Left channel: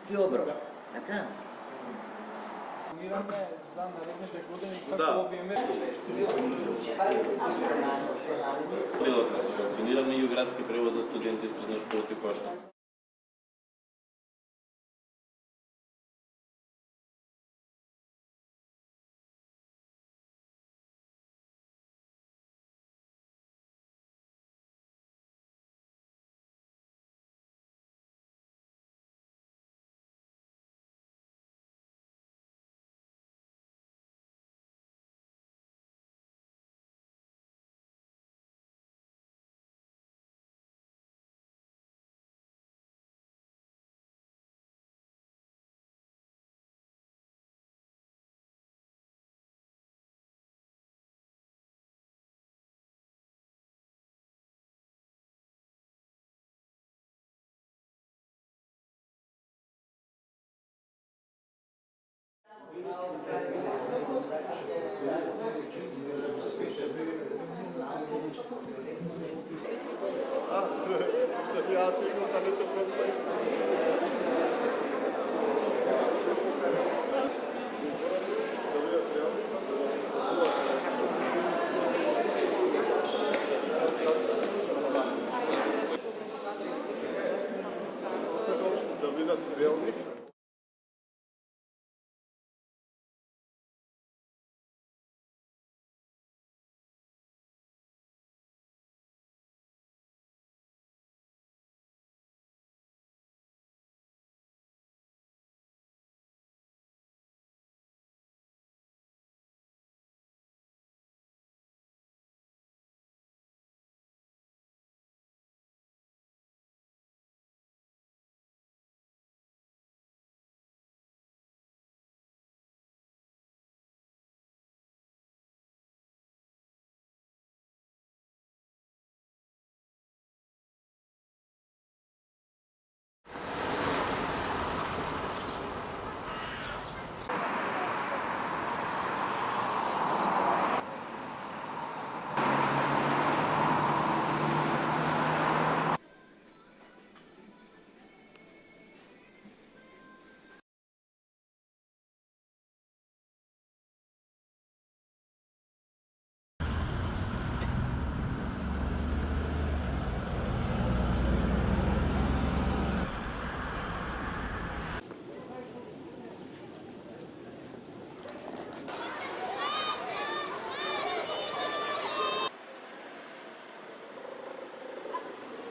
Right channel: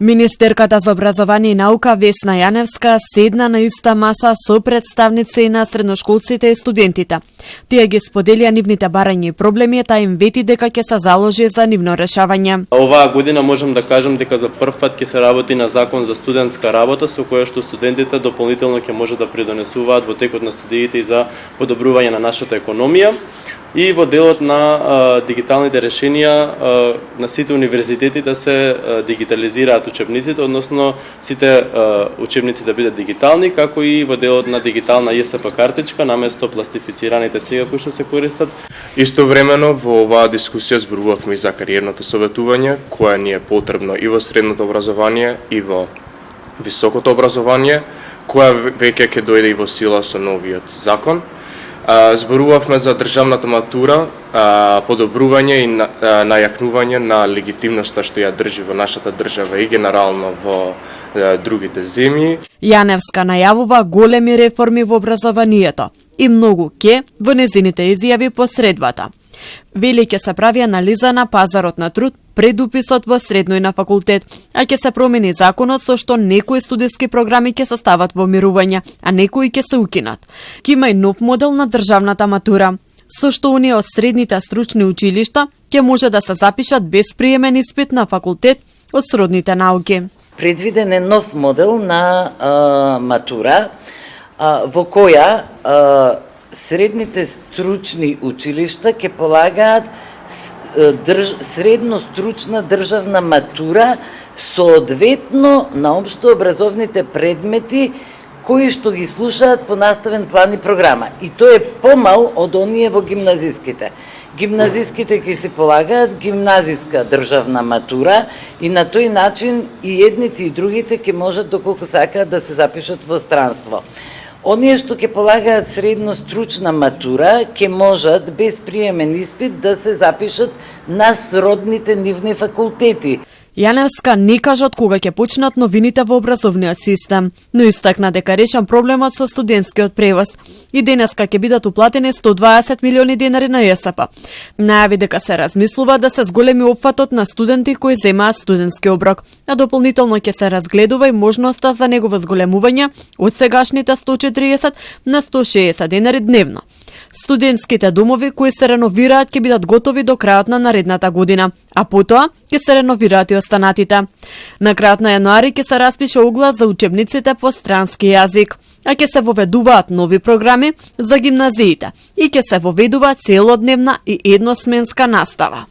Министерката за образование и наука Весна Јаневска седна на иста маса со представници на средношколците и студентите. Тие ги споделија нивните барања и проблеми, та им вети дека ќе се заложи за нивно решавање. Оваа година можам да кажам дека за прв пат ќе се работи на закон за студентска работа, со која што студентите дополнително ќе може да придонесуваат во текот на студиите и за подобрување на нашата економија. И во делот на дигиталните решенија на сите универзитети да се дигитализираат учебниците, односно сите учебници да бидат дигитални, како и во делот на дигитална ЈСП картичка наместо пластифицираните сега кои што се користат. Истовремено во оваа дискусија зборувавме и за кариерното советување, кое ни е потребно и во средното образование и во високото образование, која веќе ќе дојде и во сила со новиот закон. Зборувавме за државната матура, подобрување и најакнување на легитимноста што ја држи во нашата држава и генерално во другите земји. Јаневска најавува големи реформи во образованието и многу ке во незините изјави посредбата. Вели ќе се прави анализа на пазарот на труд пред уписот во средно и на факултет, а ќе се промени законот со што некои студиски програми ќе се стават во мирување, а некои ќе се укинат. Ќе има и нов модел на државната матура, со што оние од средните стручни училишта ќе може да се запишат без приемен испит на факултет од сродните науки. Предвиден е нов модел на матура во која средните стручни училишта ќе полагаат средно стручна државна матура соодветно на општообразовните предмети кои што ги слушаат по наставен план и програма. И тој е помал од оние во гимназиските. Гимназиските ќе се полагаат гимназиска државна матура и на тој начин и едните и другите ќе можат доколку сакаат да се запишат во странство. Оние што ќе полагаат средно стручна матура ќе можат без приемен испит да се запишат на сродните нивни факултети. Јаневска не кажа од кога ќе почнат новините во образовниот систем, но истакна дека решен проблемот со студентскиот превоз. И денеска ќе бидат уплатени 120 милиони денари на ЈСП. Најави дека се размислува да се зголеми опфатот на студенти кои земаат студентски оброк, а дополнително ќе се разгледува и можноста за негово зголемување од сегашните 140 на 160 денари дневно. Студентските домови кои се реновираат ќе бидат готови до крајот на наредната година, а потоа ќе се реновираат и останатите. На крајот на јануари ќе се распише оглас за учебниците по странски јазик, а ќе се воведуваат нови програми за гимназиите и ќе се воведува целодневна и едносменска настава.